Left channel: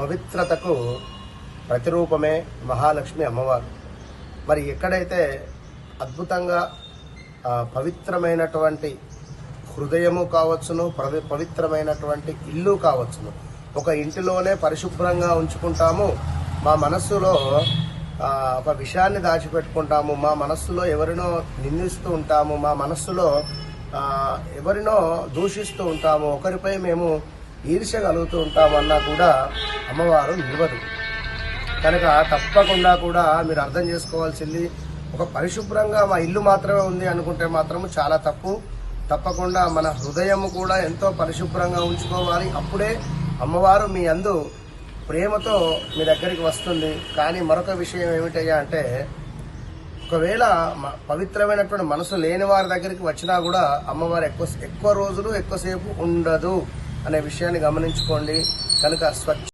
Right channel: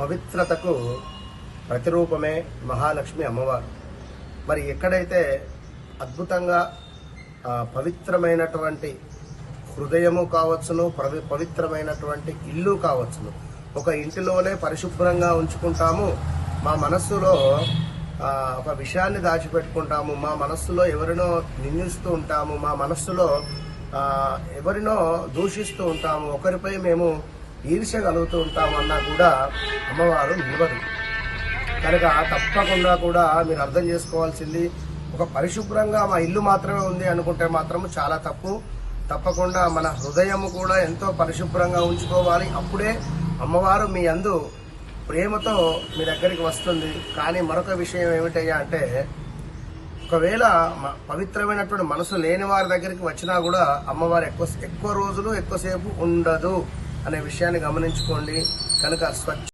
పవిత్రతకు ప్రతిరూపమే మహాలక్ష్మి అమ్మవారు. మరి ఎక్కడైతే అద్భుతంగా పవిత్రమైనటువంటి హృదయము కావచ్చును, పవిత్రమైనటువంటి ఇల్లు కావచ్చును, ఒక ఇంటిలోనే పరిశుభ్రంగా ఉంచుకుంటాము, మా మనస్సులో ఒక విషయాన్ని దాచిపెట్టుకుంటాము, మా మనస్సులో ఎవరినో నిందిస్తూ ఉంటాము, మా మనస్సులో ఎవరినో దూషిస్తూ ఉంటాము, ఒకరిపై మేము ఈర్ష్య కలుగుతూ ఉంటాము అన్నా కూడా అమ్మవారు నిలవదు. కనుక తప్పకుండా కూడా మీరు అర్థం చేసుకోవాల్సింది, ఒక పరిశుభ్రంగా మా ఇల్లు మాత్రమే ఉంది అనుకుంటే మాత్రం చాలా తప్పు. తప్పకుండా మన హృదయము కూడా ఎంతో పరిశుభ్రంగా ఉంచుకోవాలి. అప్పుడే అమ్మవారు మీ యందు ప్రేమతో మీ దగ్గరికి వస్తుంది. కానీ మరొక విషయం ఏమిటయ్యా అంటే, ఒకవేళ పవిత్రమైనటువంటి మనసు లేని వారి దగ్గరికి వచ్చినా కూడా అమ్మవారు ఎక్కువ రోజులు ఎక్కువసేపు ఉండదు అనే విషయాన్ని గమనించుకోండి. కనుక